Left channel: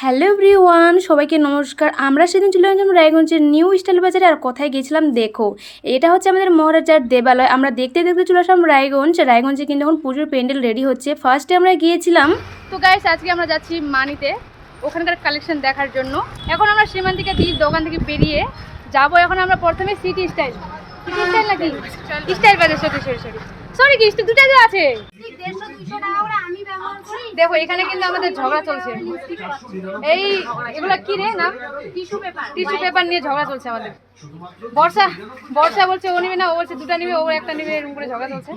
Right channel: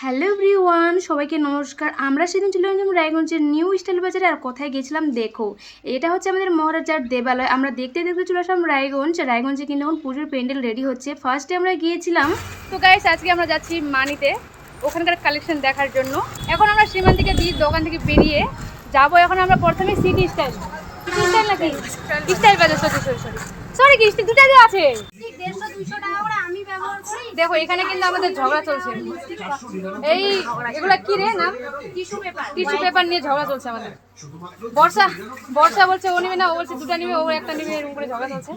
Hello everyone, সবাইকে নমস্কার। আমরা সেদিন চলে গেলাম রায়গঞ্জের নিউ স্টাইল বাজারে। আর কোথায় গেছিলাম দেখো, এটা হচ্ছে আমাদের মহারাজার দেবালয়। আমরা দেখতে দেখতে চলে আসলাম রায়গঞ্জে কিন্তু এখন পুজোর প্যান্ডেল রেডি হচ্ছে। ফার্স্টে আমরা গিয়েছিলাম, তো গাইস আজকে আমরা যাচ্ছি মানিতে ওখানকার কালেকশন দেখার জন্য। এখন আমরা সীমান্তিকা বীজ দোকান থেকে বেরিয়ে যাবো। এখন আমরা প্রথমে সিটি স্টাইল নাকি স্টাইল বাজার, সরি কি দুটা আছে। দেখো এখানে কিন্তু আমাদের ঝগড়া চলছে। এই এগুলা কি রে নাম? টিস্যু পেপার নিয়ে ঝগড়া চলছে আমাদের। বর্ষা বলছে ও নিবে না, ও বলছে দুটা নিবে, ও একটা নিবে, এরকম করে ঝগড়া চলছে।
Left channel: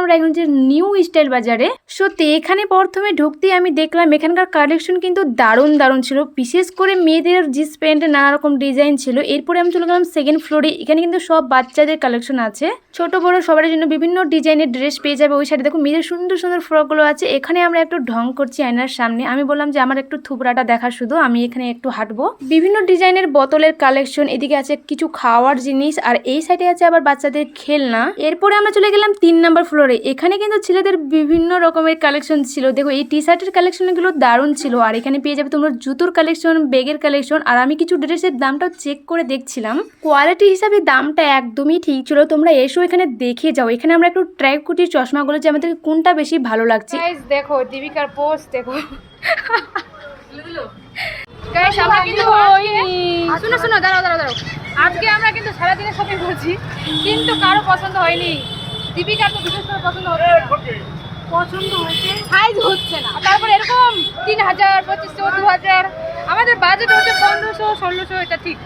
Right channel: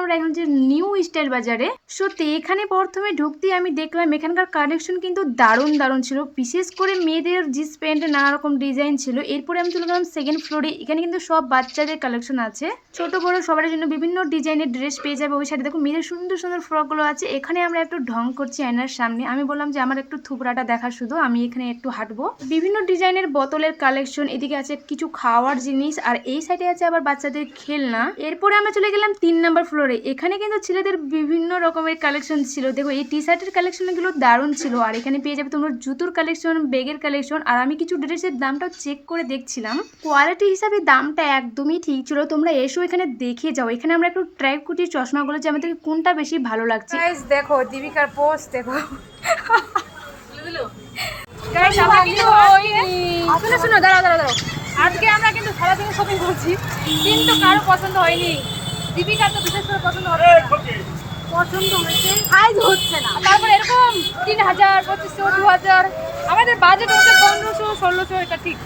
আমরা এখন যে নিউ স্টাইল বাজারে, সত্যি এখানে প্রথমে ঢুকতেই আমি দেখলাম এখানকার কালেকশন কিন্তু দারুণ ছিল। বিশেষ করে মেয়েদের জিন্স প্যান্টে নানা রকম ডিজাইন ছিল। এরপরে আমি চলে গেলাম সেকেন্ড ফ্লোরে। এখানে কিন্তু সব বাচ্চাদের কালেকশন আছে, ছোট বড় সবার জন্য বিভিন্ন ডিজাইনের ড্রেস পেয়ে যাবে। ওই সাইডে দেখো মেয়েদের সুন্দর সুন্দর ফ্রকগুলো আছে। এখানে আমরা একটু ঢং করছি আয়নার সামনে। আমি বললাম যে আমার একটু থুবড়াটা দেখা, শুধু আমি এখানে একটু হাঁটবো। বিভিন্ন ডিজাইনের বোতলের কালেকশন, এদিকে আছে কিছু খাওয়ার জিনিস, আর এই সাইডে আছে আবার বাচ্চাদের খেলনা। এরপরে আমরা চলে গেলাম 3 নাম্বার ফ্লোরে। এখানে কিন্তু ছেলেদের বিভিন্ন রকমের কালেকশন ছিল। দেখো এই টি শার্টের কালেকশনগুলো দারুণ ছিল। আর এখানে পেয়ে যাবে তোমরা জুতোর কালেকশন, ব্যাগের কালেকশন। আর আমি কিছু ড্রেসের দামটাও চেক করে দেখছিলাম, কোয়ালিটি হিসাবে দামটা একদমই ঠিক ছিল। তোমরা এসো এখানে দেখে যাও। এখানে আমরা একটু ট্রাই করছি চশমাগুলো, যে আমাদের কোনটা বেশি ভালো লাগছে। গাইস দেখো দীপিকার পোস্ট দেখো। গাইস আমরা কিন্তু শোনো দাঁড়াও। আজকে আমরা কিন্তু সারাদিনে শপিং করছি, কিন্তু কারো পছন্দ হয়নি। দীপিকার তো বিশেষ করে পছন্দ হচ্ছে না, পছন্দ হয়েছে সাইজ হচ্ছে না। তারপর এরকম 3000, 2500, 2000, আমাদের বাজেট হচ্ছে 1500, 1600, এটা ঠিক।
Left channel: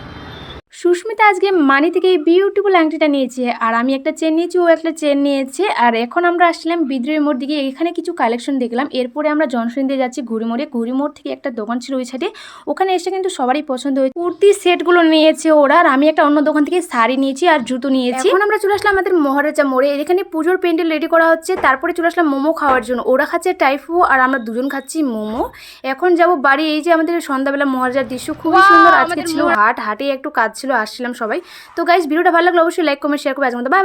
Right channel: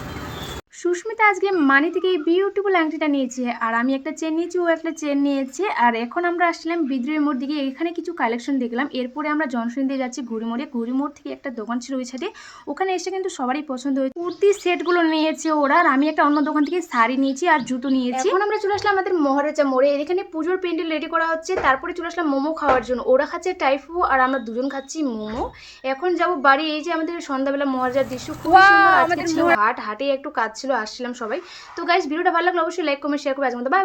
সুস্মিতা আজকে মানি থেকে এই বিউটিফুল আংটিটা নিয়েছে, আর আমি একটা চেন নিয়েছি, ও একটা চেন নিয়েছে। আর এখন আমরা আসলাম বিদ্রোহী মোড় দিকে। এখানে কিছু কালেকশন দেখলাম। এরপরে আমরা জনসন দিয়ে যাচ্ছি ঘুড়িমোড় থেকে একটা দোকান ছিল ওই সাইডে। ওখানে এসে কিন্তু সবারই পছন্দ হয়েছে। কুর্তি সেটগুলো নিয়েছে ওরা, আর আমি একটা অন্য দোকান থেকে শাড়ি নিয়েছি আর জুতো নিয়েছি। এখন আমরা চলে আসলাম আমাদের মহারাজা মোড়ে। এখানে পুজোর প্যান্ডেল রেডি করা হচ্ছে। তারপরে চলে আসলাম মোমো খাওয়ার জন্য। ওরা খাচ্ছে টাইফু আর আমরা দুজন খাচ্ছি মোমো। এখন যাব বাড়ি। এই যে আমাদের সন্ধ্যাবেলা মহারাজার দৃশ্য খুবই সুন্দর আজকে ছিল। হাটে একটু কাজ ছিল, আসছিলাম সবাই। তো গাইস ভিডিওটা ভালো লাগলে অবশ্যই লাইক কমেন্ট শেয়ার করবে। আজকের মতো বাই।